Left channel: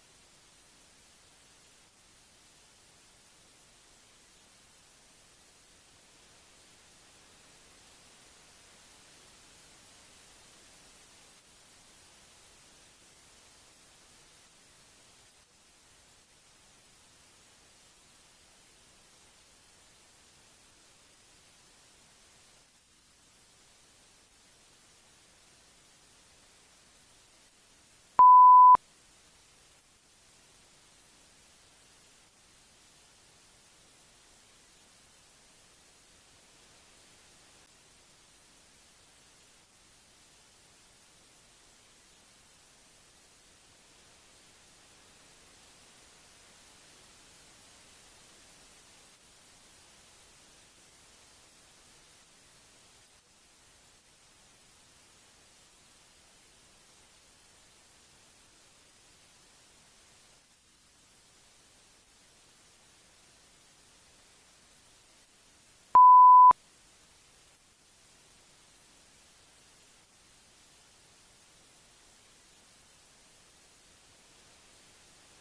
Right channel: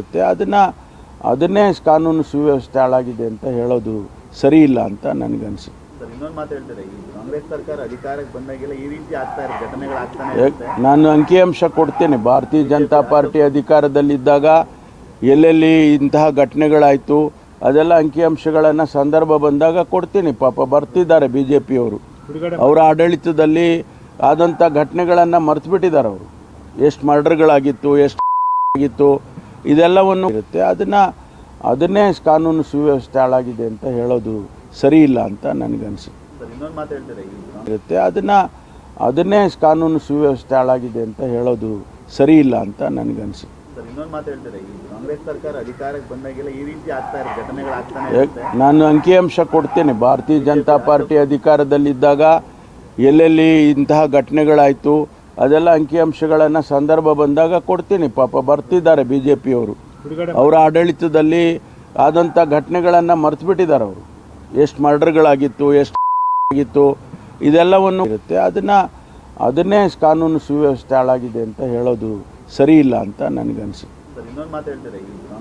ಇರುತ್ತೆ. ಅದನ್ನೇ ಕಾನೂನು ಸುವ್ಯವಸ್ಥೆ ಹಾಳಾಗಿದೆ ಅಂತ ಹೇಳೋದು ಸರಿ ಇಲ್ಲ ಅಂತ ನನಗನ್ಸುತ್ತೆ. ಸರ್, ಇನ್ನೊಂದು ಮಾತು ಹೇಳ್ತಾರೆ, ಈ ಕಾಂಗ್ರೆಸ್ ಸರ್ಕಾರ ಅಧಿಕಾರಕ್ಕೆ ಬಂದಾಗೆಲ್ಲ ಈ ರೀತಿ ಆಗ್ತಾ ಇರೋ ಘಟನೆಗಳಾಗ್ತಾನೆ ಇರುತ್ತೆ. ನಾನು ಅಂಕಿಅಂಶ ಕೊಡ್ತೇನೆ. ಭಾರತೀಯ ಜನತಾ ಪಾರ್ಟಿ ಅಧಿಕಾರದಲ್ಲಿದ್ದಾಗ ಎಲ್ಲೆಲ್ಲಿ ಇಂತಹ ಘಟನೆಗಳಾಯಿತು ಅದೆಲ್ಲ ಅಂಕಿಅಂಶಗಳನ್ನು ಸಂದರ್ಭ ಬಂದಾಗ ಕೊಡ್ತೀನಿ. ಪಾಪ ಬರ್ತಿದ್ದಾರೆ ಬಿ ಜೆ ಪಿಯವರು, ಅವರ ಆಡಳಿತದಲ್ಲಿ ಆದಂಥ ಘಟನೆಗಳನ್ನು ಮರೆತುಬಿಟ್ಟಿದ್ದಾರೆ. ಅವರು ಎಷ್ಟು ಮರ್ಡರ್ಗಳಾಗಿತ್ತು, ಎಷ್ಟು ಆಗಿತ್ತು, ಇದೆಲ್ಲವನ್ನು ಇರುತ್ತೆ. ಅದನ್ನೇ ಕಾನೂನು ಸುವ್ಯವಸ್ಥೆ ಹಾಳಾಗಿದೆ ಅಂತ ಹೇಳೋದು ಸರಿ ಇಲ್ಲ ಅಂತ ನನಗನ್ಸುತ್ತೆ. ಸರ್, ಇನ್ನೊಂದು ಮಾತು ಹೇಳ್ತಾರೆ, ಇರುತ್ತೆ. ಅದನ್ನೇ ಕಾನೂನು ಸುವ್ಯವಸ್ಥೆ ಹಾಳಾಗಿದೆ ಅಂತ ಹೇಳೋದು ಸರಿ ಇಲ್ಲ ಅಂತ ನನಗನ್ಸುತ್ತೆ. ಸರ್, ಇನ್ನೊಂದು ಮಾತು ಹೇಳ್ತಾರೆ, ಈ ಕಾಂಗ್ರೆಸ್ ಸರ್ಕಾರ ಅಧಿಕಾರಕ್ಕೆ ಬಂದಾಗೆಲ್ಲ ಈ ರೀತಿ ಆಗ್ತಾ ಇರೋ ಘಟನೆಗಳಾಗ್ತಾನೆ ಇರುತ್ತೆ. ನಾನು ಅಂಕಿಅಂಶ ಕೊಡ್ತೇನೆ. ಭಾರತೀಯ ಜನತಾ ಪಾರ್ಟಿ ಅಧಿಕಾರದಲ್ಲಿದ್ದಾಗ ಎಲ್ಲೆಲ್ಲಿ ಇಂತಹ ಘಟನೆಗಳಾಯಿತು ಅದೆಲ್ಲ ಅಂಕಿಅಂಶಗಳನ್ನು ಸಂದರ್ಭ ಬಂದಾಗ ಕೊಡ್ತೀನಿ. ಪಾಪ ಬರ್ತಿದ್ದಾರೆ ಬಿ ಜೆ ಪಿಯವರು, ಅವರ ಆಡಳಿತದಲ್ಲಿ ಆದಂಥ ಘಟನೆಗಳನ್ನು ಮರೆತುಬಿಟ್ಟಿದ್ದಾರೆ. ಅವರು ಎಷ್ಟು ಮರ್ಡರ್ಗಳಾಗಿತ್ತು, ಎಷ್ಟು ಆಗಿತ್ತು, ಇದೆಲ್ಲವನ್ನು ಇರುತ್ತೆ. ಅದನ್ನೇ ಕಾನೂನು ಸುವ್ಯವಸ್ಥೆ ಹಾಳಾಗಿದೆ ಅಂತ ಹೇಳೋದು ಸರಿ ಇಲ್ಲ ಅಂತ ನನಗನ್ಸುತ್ತೆ. ಸರ್, ಇನ್ನೊಂದು ಮಾತು ಹೇಳ್ತಾರೆ,